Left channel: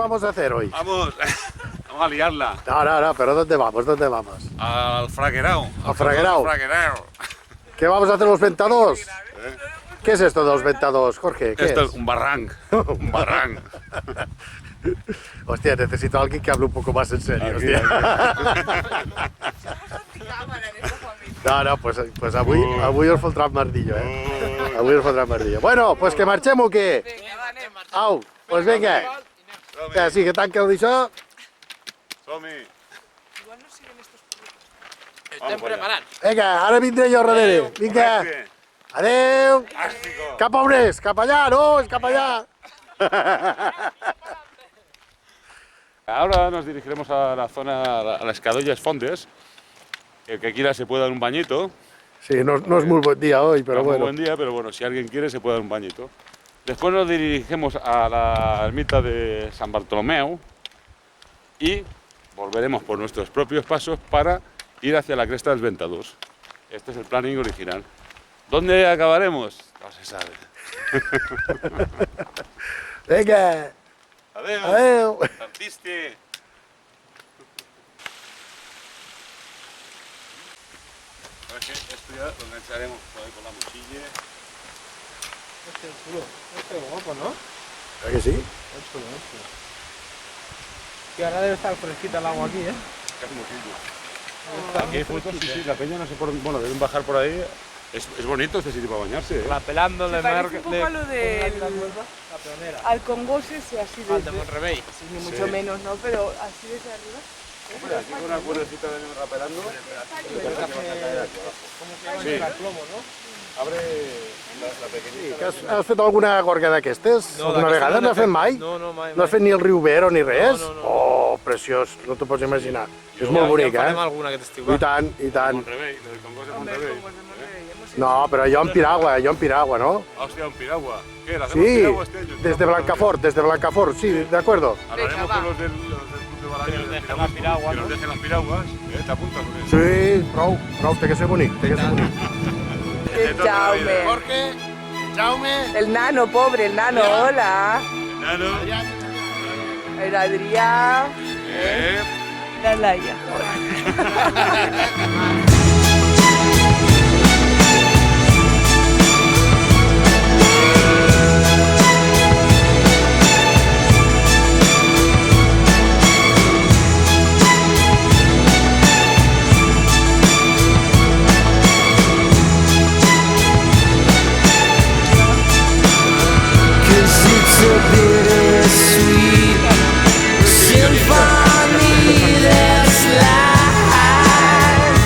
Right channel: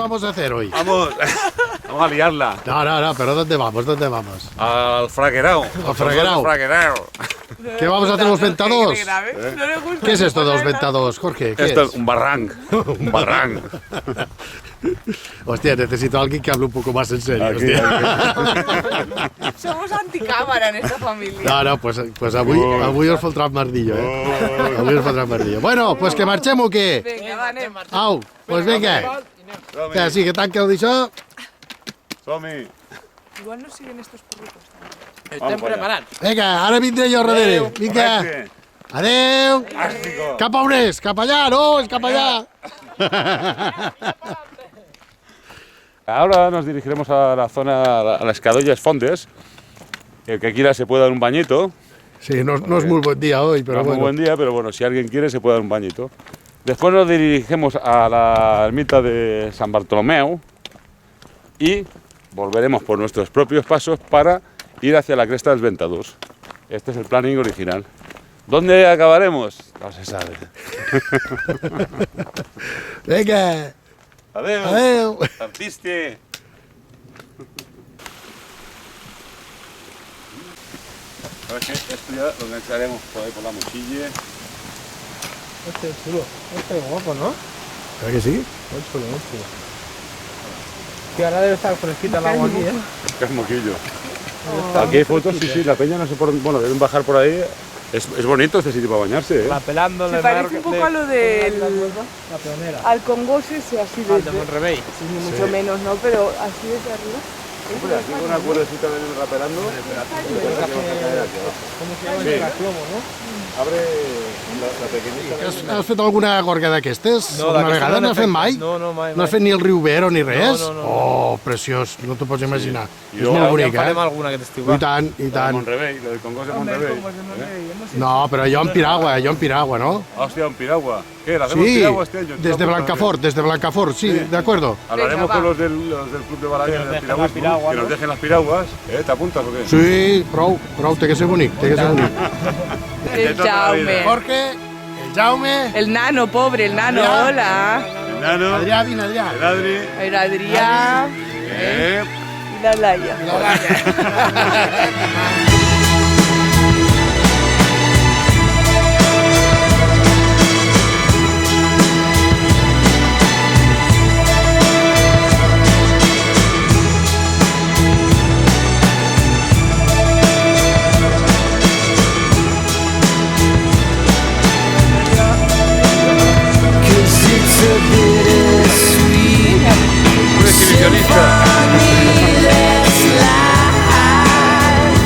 vamos a hacer hoy? Vamos a liarla. No, pero ¿dónde vamos? ¿Dónde vamos? Al fraguerao. Al famoso fraguerao. ¿Qué vamos a hacer los ventados? ¿Qué es esto de los ventados, Jorge? Esto es un barranc. Un barranc. Hostia, necesito a alguien que hable un poco más en serio. Aquí. Somos anticámara en esta familia. No, pues avui us fotrà mardillo. Avui us fotrà mardillo. Bueno, pues que marxem o què? Vinga, va, anem. Au, pues vinga. Que sí, que tanca d'això. Som-hi. Igual no siguen estos porritos también. Estem preparats. Vinga, ara vindré jo darrere. Vinga. Correcte. Adeu. Fàstico. Cap a on és? Cap allà, no? És cap allà. Ahora nos dirigiremos a la zona, a las Cadollas Fondes. El que quiera se puede dar un bañito. Sí, no es muy buen día hoy, pero No es muy bueno. buen día, pero bueno, si alguien quiere se puede dar un bañito. Después nos dirigimos a la ermita de San Bartolomeu y volveremos por nuestros propios pasos para ir hacia la cresta del Ventados. Este es el planning original. ¿Dónde acabaremos? No se sabe. Vinga. Adeu. Adeu. Artiste. Esto ya lo engancharemos por ahí por la mochila. Este es chulo. Este es guapo, ¿no? ¿Verdad que sí? Muy chulo, muy chulo. Que ahora debe estar fresquita el agua aquí, ¿eh? Este es moquillo. Aquí hay fotos, sí, la peña no sé por... Bueno, deben bajar por ahí. Es bonito este sitio para bañarse, ¿eh? La pelándole Se parece un poco a lo del... La pionera. Al Congost ese, así Al de desde... Monrevey. Sí, ni mucho menos, ¿no? Pero así desde arriba. Hombre, aquí con una cuerdecita de rapelando. ¿Cómo se llama? Sí. El plomo, ¿no? Abre la pequeñita. Has fet alguna gorga d'aquestes? No, d'aquestes no no n'he n'has fet fet. mai? No, mai. No has fet ni el riu Vero ni res? No. Oh, preciós, no t'ho pots imaginar. I És luego molt Ja bonic, en farem alguna aquest estiu, I va. tant, i La de tant. Monrevey, la del Congost de Hombre, Monrevey. como es de Monterrey, hemos hecho... No, però jo en piragua, no? Hostia, un piragua. ¿Qué? ¿Le hacemos piragua este año? ¿Tú desde la Blancafort, sí, Sí. de acuerdo. Hablaremos Venga, con va. los del Club de Balaguer Que nos del dejen piragüismo, las piraguas, que nos ¿no? dejen las piraguas. ¿Te apuntas o qué? Sí, prou, té que ser bonic, té que ser bonic. De toda la vida. Jorge, el Jaume, El nano, pobre, el nano, Ya. hola. El Nano, Adrià, vine allà. el Adri. El Adrián Eh. y la Laia. Cause it's a bittersweet Un exhibicionista. symphony that's life.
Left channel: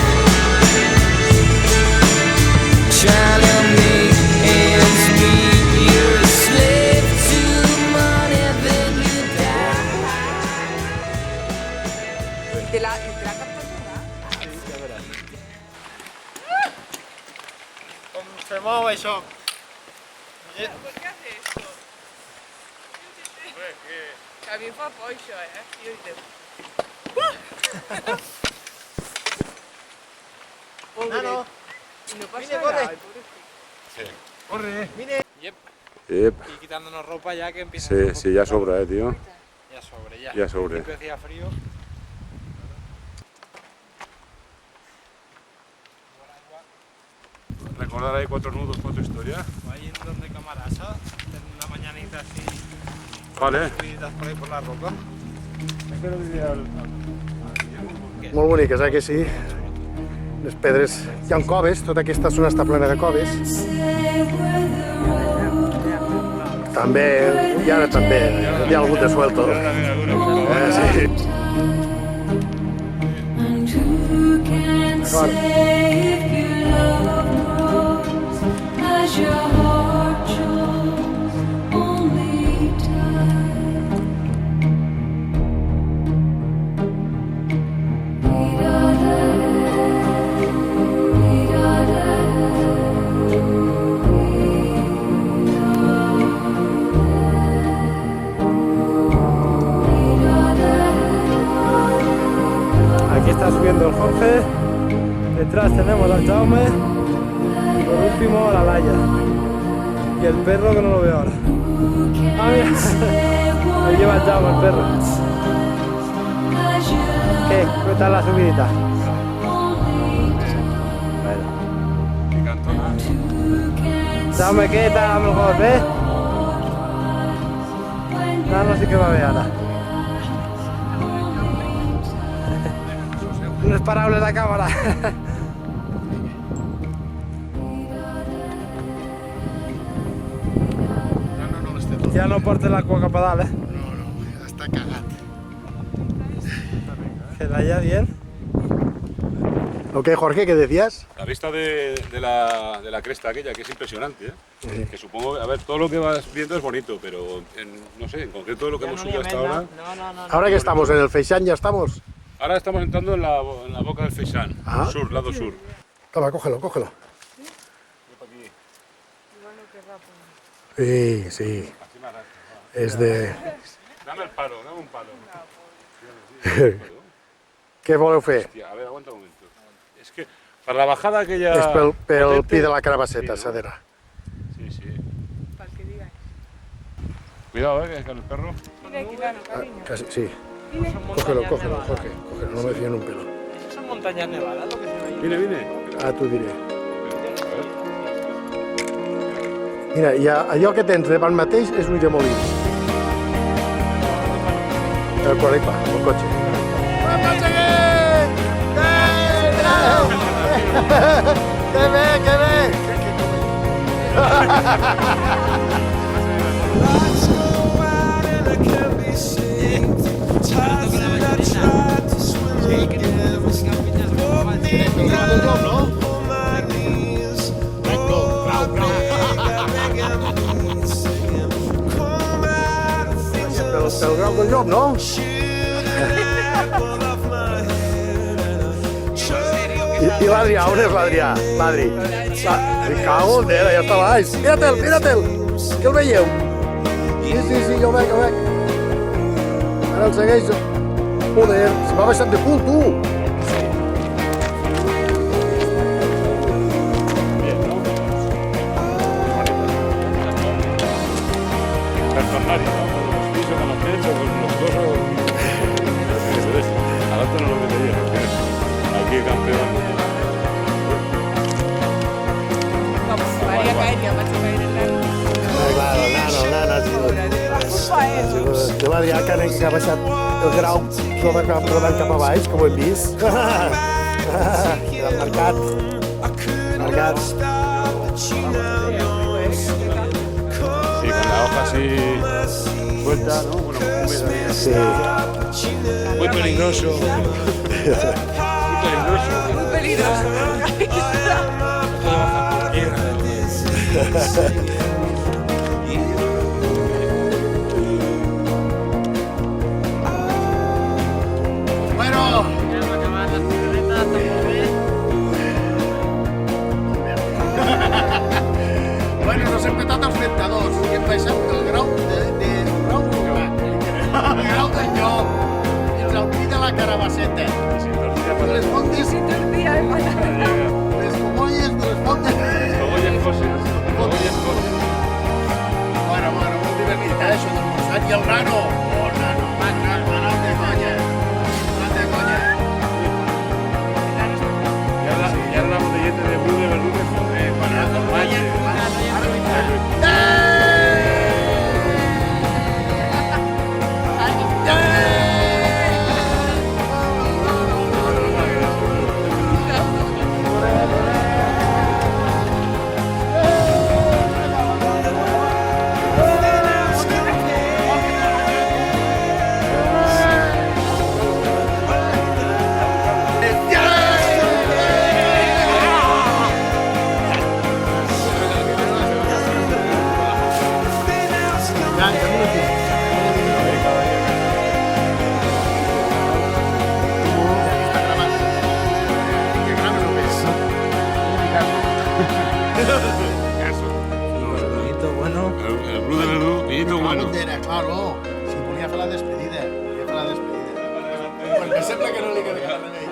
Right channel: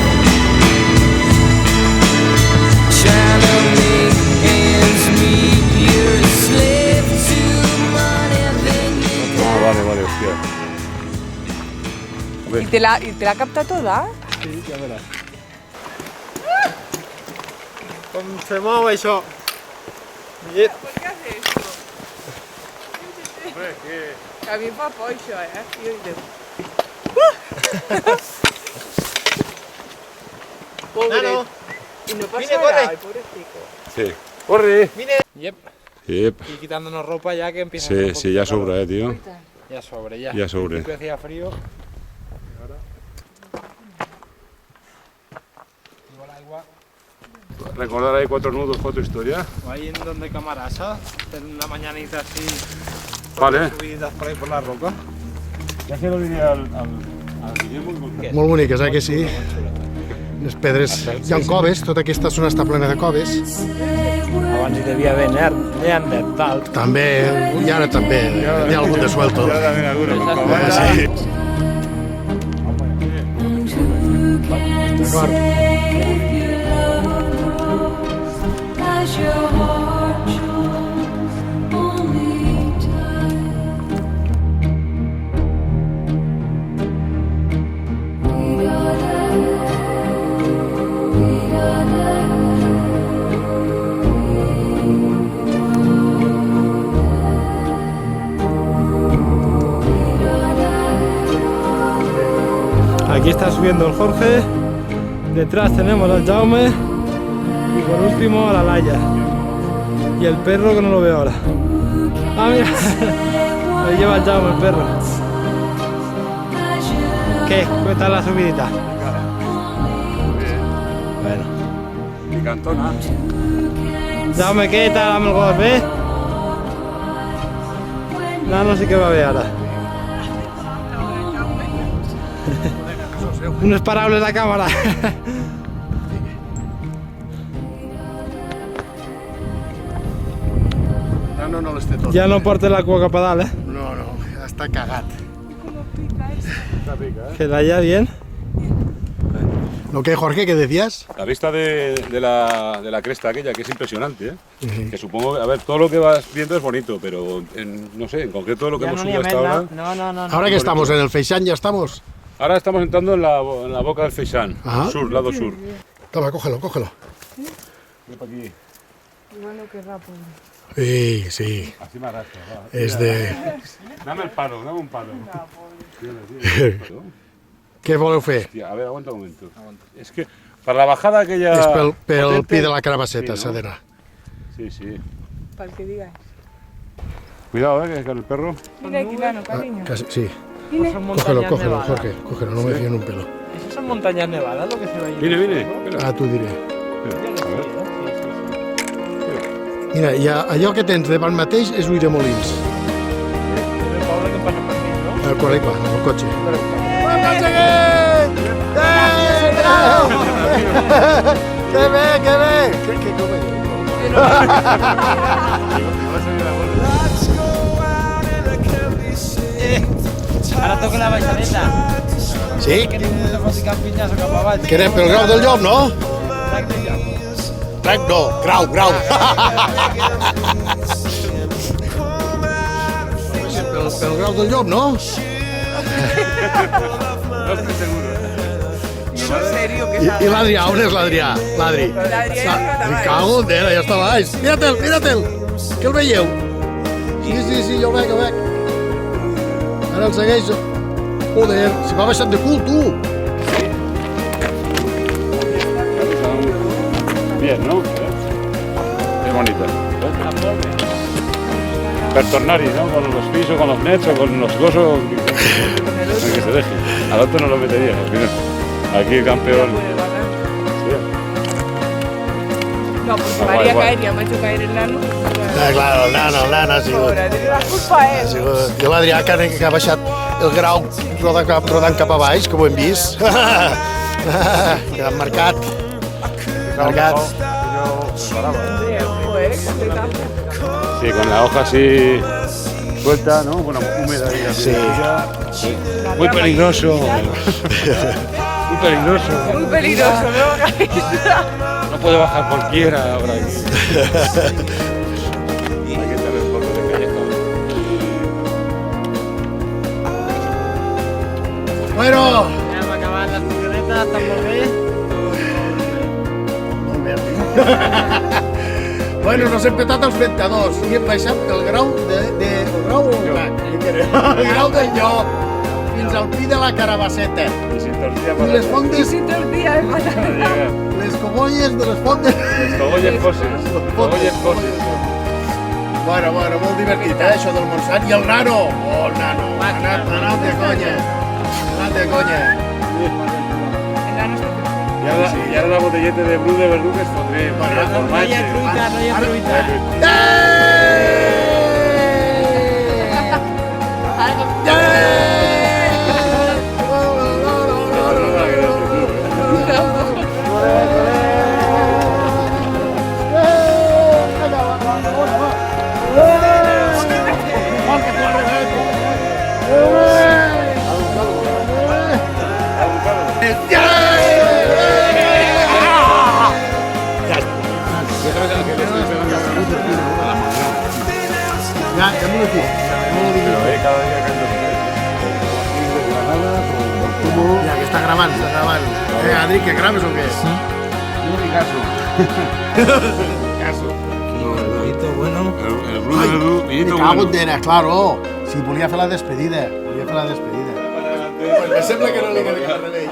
Trying to make ends meet, you're a slave to money, then you die. Vale, hostia. ¿Y te la ha captado toda? Sí, ja veràs. Com se mou això? Llet. ¿Por qué hace esto? Hombre, que... Que a mí fa por això, Yo digo... Pobre. Y no pasa Vine, corre. nada, el pobrecito. Sí. ¡Corre! Yep. Yep. Y quitándonos ropa ya que empieza a hacer un Sí, poquito ya de calor. sobra, tío. Ahorita. Ya sobre, ya. Ya sobre. Al principio hacía frío. Igual agua. Recordar ahí 4 nudos, foto historia. Ahí en donde Camarasa, en una mañanita así, Vale. subiditas por ahí por la roca. Ya que no diría al Molt boniques, que sí? Les pedres, hi ha coves, tota aquesta zona està plena de coves. Abans hi devia haver neandertal. També, i ara també, hi ha algú de suelto. Ya también alguno con cobata. Sí. And who can say if your love grows as your heart shows only time? We gotta Aquí está subiendo el Jorge. Detrás tenemos al Jaume. Nos vimos a la Laia. Y el perro que no lo veo ahora. ¡Ay! Me lleva el Jaume el perro. Picantona. Jaume, què tal amb el golf, eh? No sé què va bé ara. Unes paraules a càmera. No les té tot. Ja no porta la cua cap a dalt, eh? No, ja està cagat. Queda ya bien. ¿Ok, Jorge, qué decías? La vista de la cresta aquella, que es impresionante, ¿eh? Que supongo, a ver, todo lo que vas viendo es bonito, pero no sé, en concreto lo que hemos subido hasta ahora. No. Ahora que estamos en el Feixán, ya estamos. Ahora estamos entrando en la boca del Feixán, Ajá. sur, lado sur. Toma, cógelo. Ven pa' aquí. Igual no querrá, pues. Sí. Así me arrastra, va. Es de... Dame el palo, dame un palo. Sí, el palo. ¿Qué voleu fer? Hostia, a ver, aguanta un momento. Es que para la bajada aquella Pel potente... pie de la carabaceta, Sí, ¿no? Sadera. Sí. Para el que digáis. Cuidado, que con el perro. Mira aquí, Lano, cariño. Sí. Son montañas nevadas. Cógelo, no me dejen un pelo. Esas son montañas nevadas lo que se ve ahí. Viene. Ah, tu diré. A ver. Mira, i allò que tens davant mateix és Ulldemolins. Correcte, el cotxe. ¡Ho aconseguit! ¡Que bé! Que come? Ara toca la baixadeta. Sí? Que ficar pinyes cap avall. Que anem pel grau del llop, no? No, grau. Pel grau del llop, no? En serio, que I salga. l'Adrià, on és l'Adrià? L'Adri. L'Adrià ja està baix. Cago, ja està baix. Mirate'l. Que el veieu? Sí, jo veig. Ara el segueixo. Se va baixant de cul, tu. Bien, ¿no? Qué bonita. Per tornar-hi, ¿no? Con los pisos, con los nets o con los cosos. Que se deje. Al otro no lo metería. Mira. Aquí el campeón. No, pues Ah, María guay. caería, me ha hecho caer el Lano. L'Anna, sí. Ahora, tiene la culpa a eso. Que l'Adrià que ha baixat el grau rodant cap a baix, que ho hem vist. El mercat. Sí, con la hoja así suelta, ¿no? Bueno, húmeda ahí la piedrecilla. Muy peligroso. Muy peligroso. Muy peligroso, ¿no? No puede bajar cualquiera ahora. Hay que tener fondo de cabeza. Bueno, Ja hem acabat les picadetes, està molt bé. bueno, nos hem petat els ventadors i hem baixat el grau el grau del llop fins al pi de la carabaceta. Y sin tortilla I para les fondes, Sin tortilla de patata. les cogolles de les fondes. Cogolles coses. Cogolles coses. Bueno, molt divertit, això del Montsant. I el nano. Oh, nano. Anat de conya. Y ahora la botellete de Bru de Verdugues fotré. Para No hi ha fruita. Ja m'ho he dit. Cada día que Ja, que està gravant, Adri, que graves o què? Caso. El Bru de Verdú, vinito Cago bueno. en dena, claro. Si volia fer la despedida. Pues me sembla que no li queda cap remei.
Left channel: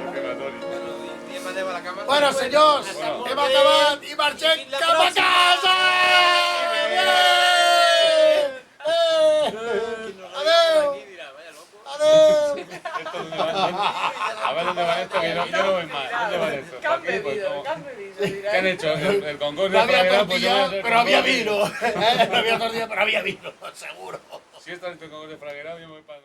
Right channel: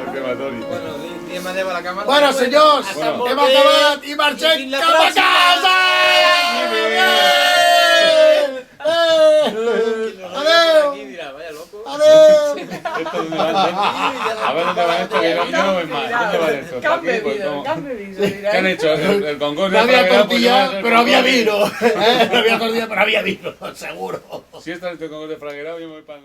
Diem adéu a la càmera. Bueno, senyors, hem acabat i marxem cap a casa! Adéu! Aquí dirà, vaya loco. Adéu! esto dónde va esto. A ver dónde va esto, que yo no voy más. ¿Dónde va esto? ¿Qué han ¿Para qué? Pues, bebido? ¿cómo? ¿Qué han bebido? ¿Qué han hecho? El concurso No había de Fraguera, tortilla, pues, pero había concurso. vino. No había tortilla, pero había vino, seguro. Si esto es el concurso de Fraguera, yo me voy para...